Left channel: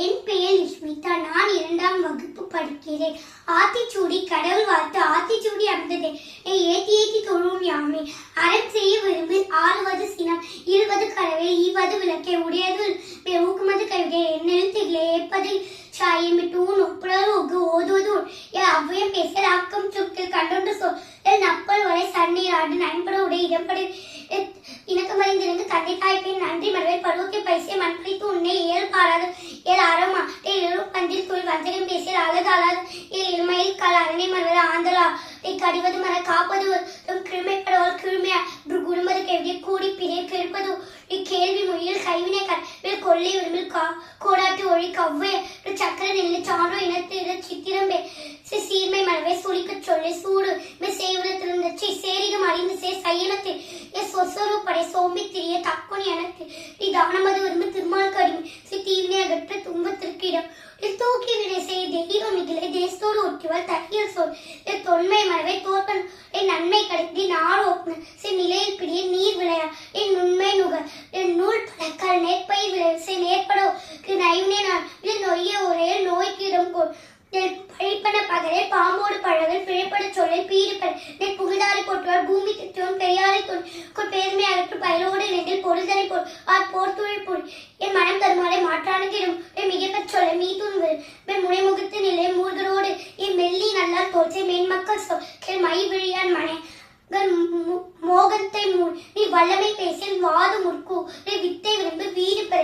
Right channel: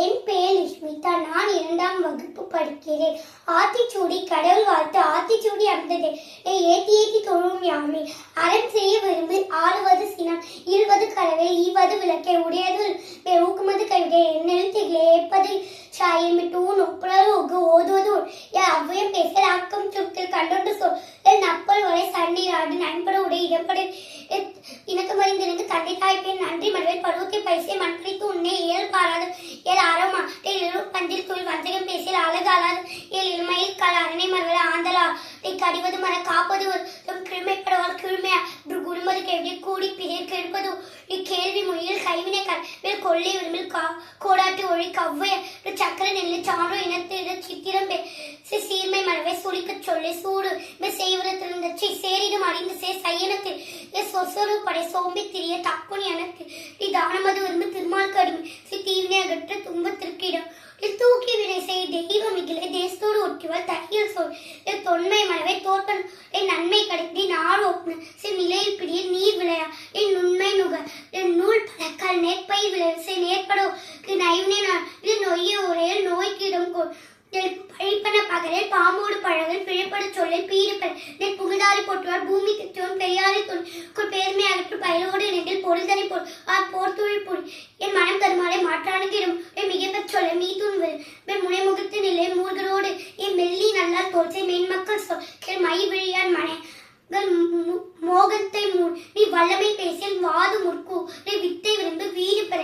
என் பெயர் ஸ்மிதா. நான் 2ஆம் வகுப்பு படிக்கிறேன். ஆத்திச்சூடி கடவுள் வாழ்த்து. ஆத்திச்சூடி அமர்ந்ததே ஏத்தி ஏத்தி தொழும் யாமே. அறம் செய்ய விரும்பு ஆறுவது சினம் இருவது கரவே ஈவது விளக்கே உடையது ஊக்குமது கைவிடே என்னெழுத்திலே ஏற்பது சாயமிட்டு நொப்புலர் ஓதுவது அவ்வையும் பேசல் ஆக்கம் சுட்டில் கண்டொன்று சொல் நப்பல் வரை சண்டீர் ஆண்டு நண்பட உடைய இடம்பட இணக்கம் அறிந்திருந்து கண்டை காய்ப்பேன் நன்றி மனவே பருவத்தை பைசை மண்பளித்து உன்னை ஏழு பாராது ஏழு அறமா எழும் பஞ்சில் தொழில் வஞ்சகம் பேசியல் அழகு அழகு இளமையில் கால அரணை மனவர ஆந்தலா கடிவது மன காப்பது கிருமைப்படவால் கிருமையா குடும்பது கேள்வி கூடி பிறை கெடுப்பது இக்கேள்வி மொழியில் கைவினை கல் கொள்ளை விரும்பில் கோடாட்டு ஒழி கவ்வை சக்கர நெல்லு சான்றோ இனத்து சித்திரம்பே சீர்மை மனவை சுழிக்க சொல்லை சூடு செய்வதத்திலிருந்த சேரிடும் அறிந்து சையனத்தில் சொசொரு படை சோம்பி திரிய தக்குனி எனக்கு நீ தானமது விரும்பு திருமால் கடுமை தீவினை அகற்ற துன்பத்திற்கு இடம் தூக்கி வினை செய்ய தெய்வம் இதிலே தேசத்தோடு ஒட்டிவாள் தகியல் சொல் தொன்மை மனவை தோற்றம் என் நன்மை கிடைக்கி நாடு ஒப்புன நிலையில் பிடிய நீர் விளையா என் உண்மை நுக என் நூல் பழக்கால் நேர்ப்பை விளைவிசை நேர்படோ நைவினை நொய்ய ஒரே நோய்க்கு இடம் கொள் பழிப்பன பகலை பாம்போடு பழகல் பிழைப்பட சொல்லை பீரிப்பட புகழ்தாரி போட்டுவார் பூமி திட்டோன் பெரியாரை பெருமை அகற்று பயிலோடு நெகில் பொருள்தனை போர்த்துழில் பொருள் என் மனம் தருமாலை மாற்றானுக்கிடும் மிகைப்பச் சொல்ல மீதுன் வரும் முனைமுகத்து நிலை மூர்களோடு என் மெல்லி நல்லால் தோற்றை மென்மக்கள் சொல் மை விழியான் மனை மோகத்தை நீ வல்லமை பேசில் வாது முற்கு நீ வித்தை விரும்பு வீடு பெற